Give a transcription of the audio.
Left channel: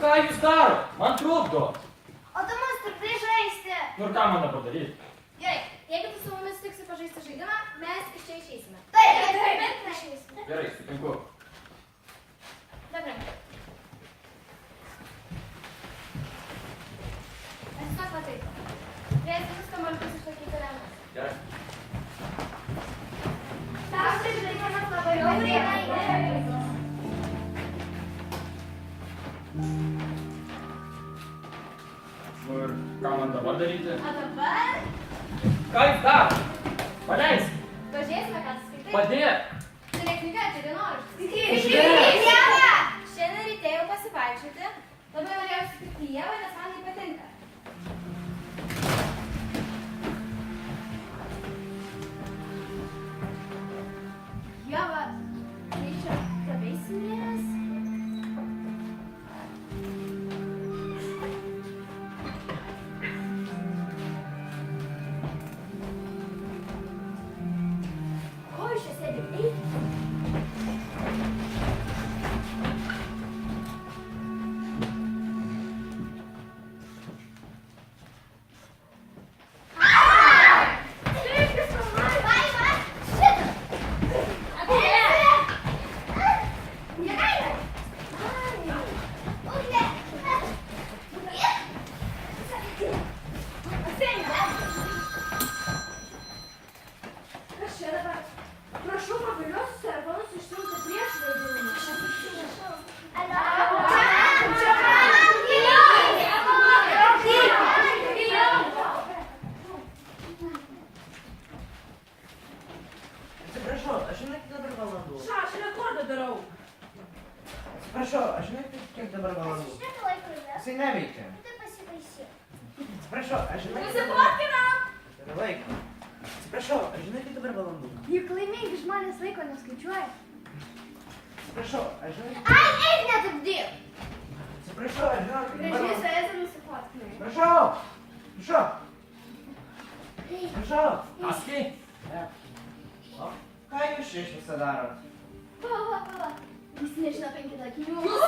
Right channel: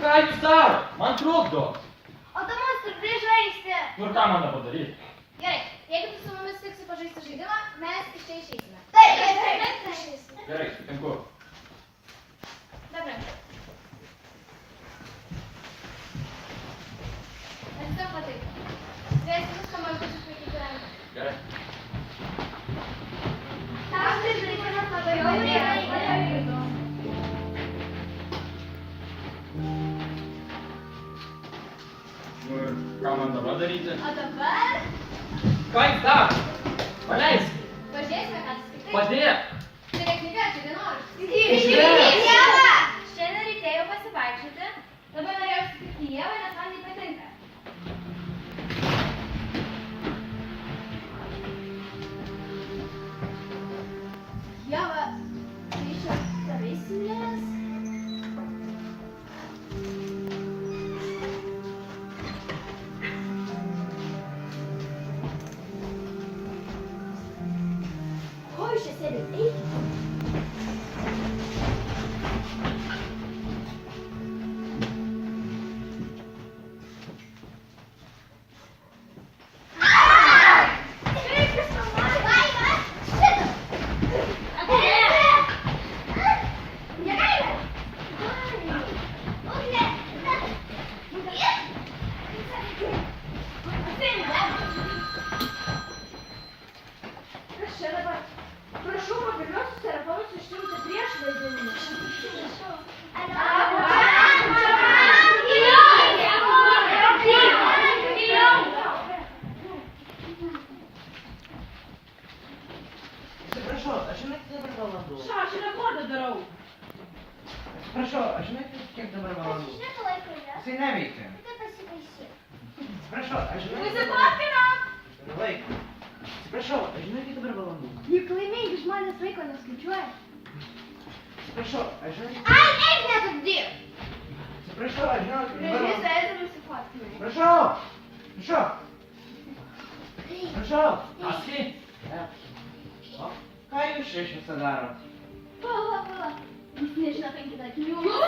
Ką jūs darot? Man trukdo. O tu mus trukdai žaisti. Nu ir ką man padaryti? Gerai, jeigu tu su mumis sutiksi pažaisti žaidimą, mes iš čia išeisime. Taip, išeisime. Gerai, sutinku. Dabar. Atsistok va taip. Turėsi viską man susakyti rankas. Gerai. Tau štai žaidimas labai jauriai. Nu ir ką man dabar daryti? O dabar Ką jūs darot? Paleisk. pažiūrėsime, ką tu skaitai. Padėk. Čia ne knyga, čia dienoraštis. Išversk. Šiandien ryte jau pasivaikščioti. Dabar norėjau susitikti Ievą, nes man tai patinka. Ieva, tai čia tave įsimylėjęs? Ko jūs čia sėdit? Eikit. Kas čia dabar? Prašau mobiliuosius telefonus išsiimti prieš vaidinimą. Atsiprašau, aš žinai, kiek dabar valandų. Aš rekordą darau. Atsiprašau, aš žinai, kiek dabar valandų. Pasižiūrėk laikrodį. Jisai neveikia. Tai pasitaisyk. Atsiprašau, aš žinai, kiek dabar... Nusifotkinam! Laiko. Atsiprašau, aš žinai, kiek dabar valandų. Juk laimingi žmonės laiko neskaičiuoja. Atsiprašau, aš žinai... Ai, eik netrukdyk. Atsiprašau, aš žinai, kiek dabar valandų. esi nusifotkinai. Prašau! Prašau! Prašau! Aski. Ne. O, ką jūs čia iš viso darot? Pala. Jis nežino 5 akinių. Jūs